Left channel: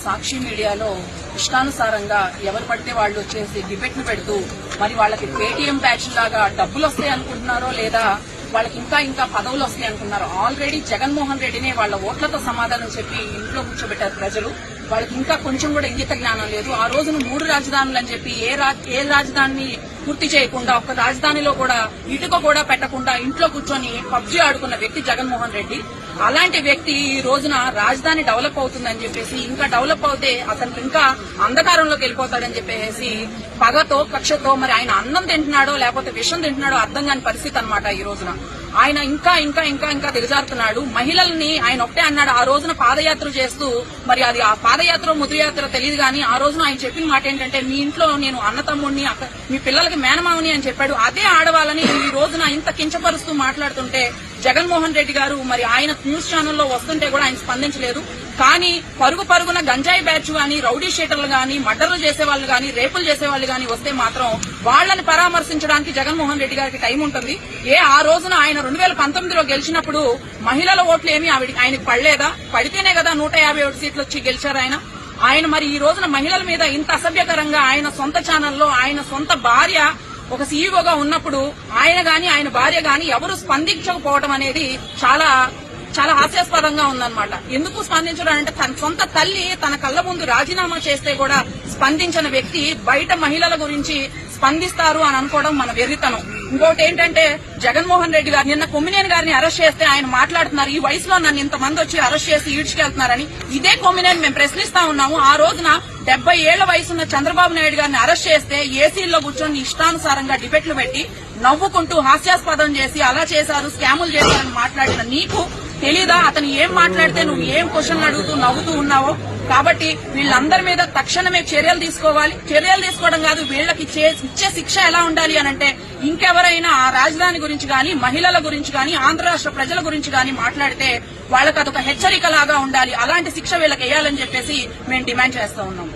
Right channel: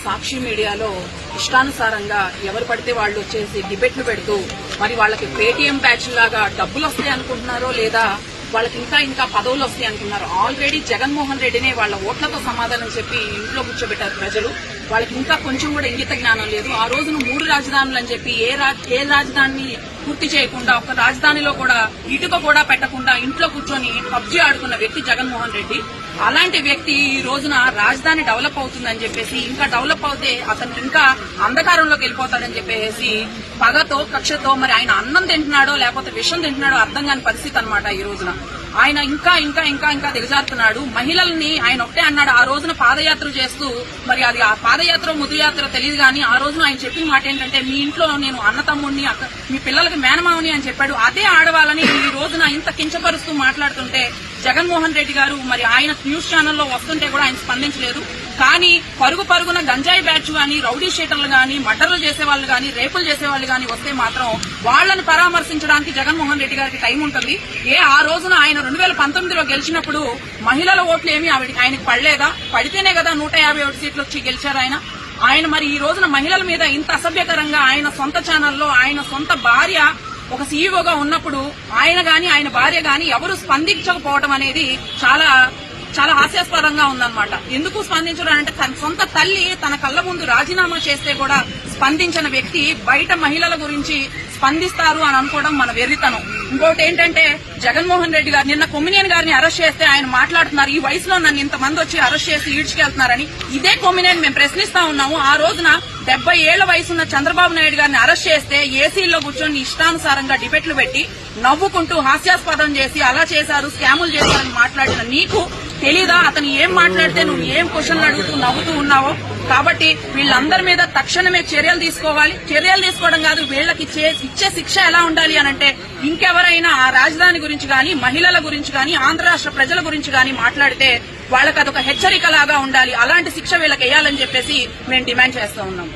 సాక్షి మీడియాలో ఇష్టానుసారంగా ఎవరు పడితే వాళ్ళు వచ్చేసి డిబేట్లు పెడుతూ మరి వాళ్ళకి పేటీఎం బ్యాచ్ లాగా డబ్బులు వస్తాయి అనుకుంటున్నారో లేదా వాళ్ళకి ఇంకా పదవులు వస్తాయి అనుకున్నారు. ఆల్రెడీ జగన్మోహన్ రెడ్డినే వాళ్ళ ఓట్లతో సమాధానం చెప్పి ఇంట్లో కూర్చోబెట్టారు ప్రజలు. వాళ్ళకి ఇంకా కొంచెం కూడా ఇంగిత జ్ఞానం లేదు. ఆ రోజున 3 రాజధానులు అని చెప్పి ఏ రాజధానిని పూర్తి చేయకుండా ఒక రాజధానిలో కూడా ఇటుక కూడా పెట్టకుండా ఇంట్లో కూర్చొని పబ్జీ ఆడుకున్న వ్యక్తి జగన్మోహన్ రెడ్డి. అలాంటి వ్యక్తి ఈ రోజున రాజధాని డెవలప్ అవుతుందని చెప్పేసి ఇంకా డెవలప్ అవుతే అతనికి ఇంకా అంధకారంలోకి వెళ్ళిపోతాడని చెప్పేసి పగతో కక్షతో మరి ఆయన అన్నం తింటున్నాడో లేకపోతే విషం తింటున్నాడో అర్థం కాని పరిస్థితి అన్నమాట. ఈ రోజున ఆయన ఇంకా దిగజారుతున్నాడు. మహిళల్ని ఆయన ఒకటే అన్నాడు ఆ రోజున పాదయాత్ర చేస్తూ, మరి అది ఆ పాదయాత్ర ముద్రయాత్ర తెలియదు కానీ ఆ రోజున ఆయన చెప్పిన మాట ఏంటంటే మీ ఇంట్లో నేను అన్న తమ్ముడిని మీ పిల్లలకి మేనమావుని అని చెప్పాడు. అదే ఆడవాళ్ళని ఈ రోజున ఇంత కించపరుస్తూ మాట్లాడుతుంటే జగన్మోహన్ రెడ్డి గారు మరి ఆయన న్యూస్ ఛానల్లో వస్తుంటే కూడా ఆయన స్పందించలేదు. కానీ పరుగున గంజాయి బ్యాచ్ గాని రౌడీ షీటర్లు గాని మర్డర్లు చేసేవాళ్ళు గాని రేపులు చేసేవాళ్ళు గాని వస్తే మాత్రం వాళ్లని పరామర్శించడానికి జగన్మోహన్ రెడ్డి గారికి టైం ఉంటుంది. ఆ రోజున ఆయన 2019లో గెలిచినప్పుడు మహిళల ఓట్లు ఏమీ ఆయనకు పడలేదా? పడితేనే కదా 151 సీట్లు వచ్చి గెలిచారు ఆయన మరి ఈ రోజున మహిళల మీద ఇంత అసభ్యకరంగా ఆయన సొంత ఛానల్లో ఆయన సొంత భార్య ఒక సీఈఓగా ఉన్నప్పుడు ఆయన గాని ఆయన భార్య గాని ఎవరు స్పందించకపోవడం అనేది చాలా హాస్యాస్పదంగా ఉందన్నమాట. ఎందుకు స్పందించడం అంటే తన సొంత తల్లి తన కళ్ల ముందు రాజీనామా చేస్తే కూడా స్పందించిన వ్యక్తి బయట మహిళల గురించి స్పందిస్తారు అని అనుకోవడం మన వెర్రితనం. ఇంకోటి ఏంటంటే జగన్మోహన్ రెడ్డి గారు నిన్న కొమ్మినేని గారిని అరెస్ట్ చేస్తే ఆయన మాట్లాడుతున్నారు ఈ వయసులో నన్ను ఇంతమంది వచ్చి అరెస్ట్ చేసి ఈడ్చుకెళ్తున్నారని. ఇదే కొమ్మినేని మేము ప్రశ్నిస్తా ఉన్నాము. ఆ రోజున 70 ఏళ్ల వయసున్న చంద్రబాబు నాయుడు గారిని అరెస్ట్ చేస్తే ఏసీల్లో కూర్చొని ఇష్టానుసారంగా డిబేట్లు పెట్టి నవ్వుకుంటూ హాస్యాస్పదం చేసి అలా చేశారు స్కాములు చేశారని మాట్లాడిన నీకు తెలీదా అతను ఏం మాట్లాడితే నువ్వు ఏం క్వశ్చన్లు అడుగుతూ నవ్వుతూ ఉన్నావో? కాబట్టి వీళ్ళందరి మీద తక్షణమే చర్యలు తీసుకోవాలి. చర్యలు తీసుకోవడం కాదు, వీళ్ళకి ఇచ్చే శిక్ష ఎలా ఉండాలి అనంటే ఇంకెవరైనా ఆ రాజధాని గురించి గాని మహిళల గురించి గాని ఆంధ్ర రాష్ట్ర ప్రజల గురించి గాని మాట్లాడితే వాళ్ళకి అదొక హెచ్చరికలాగా ఉండాలి. అలాంటి శిక్ష వీళ్ళకి వేయాలని చెప్పేసి మేము డిమాండ్ చేస్తా ఉన్నాం.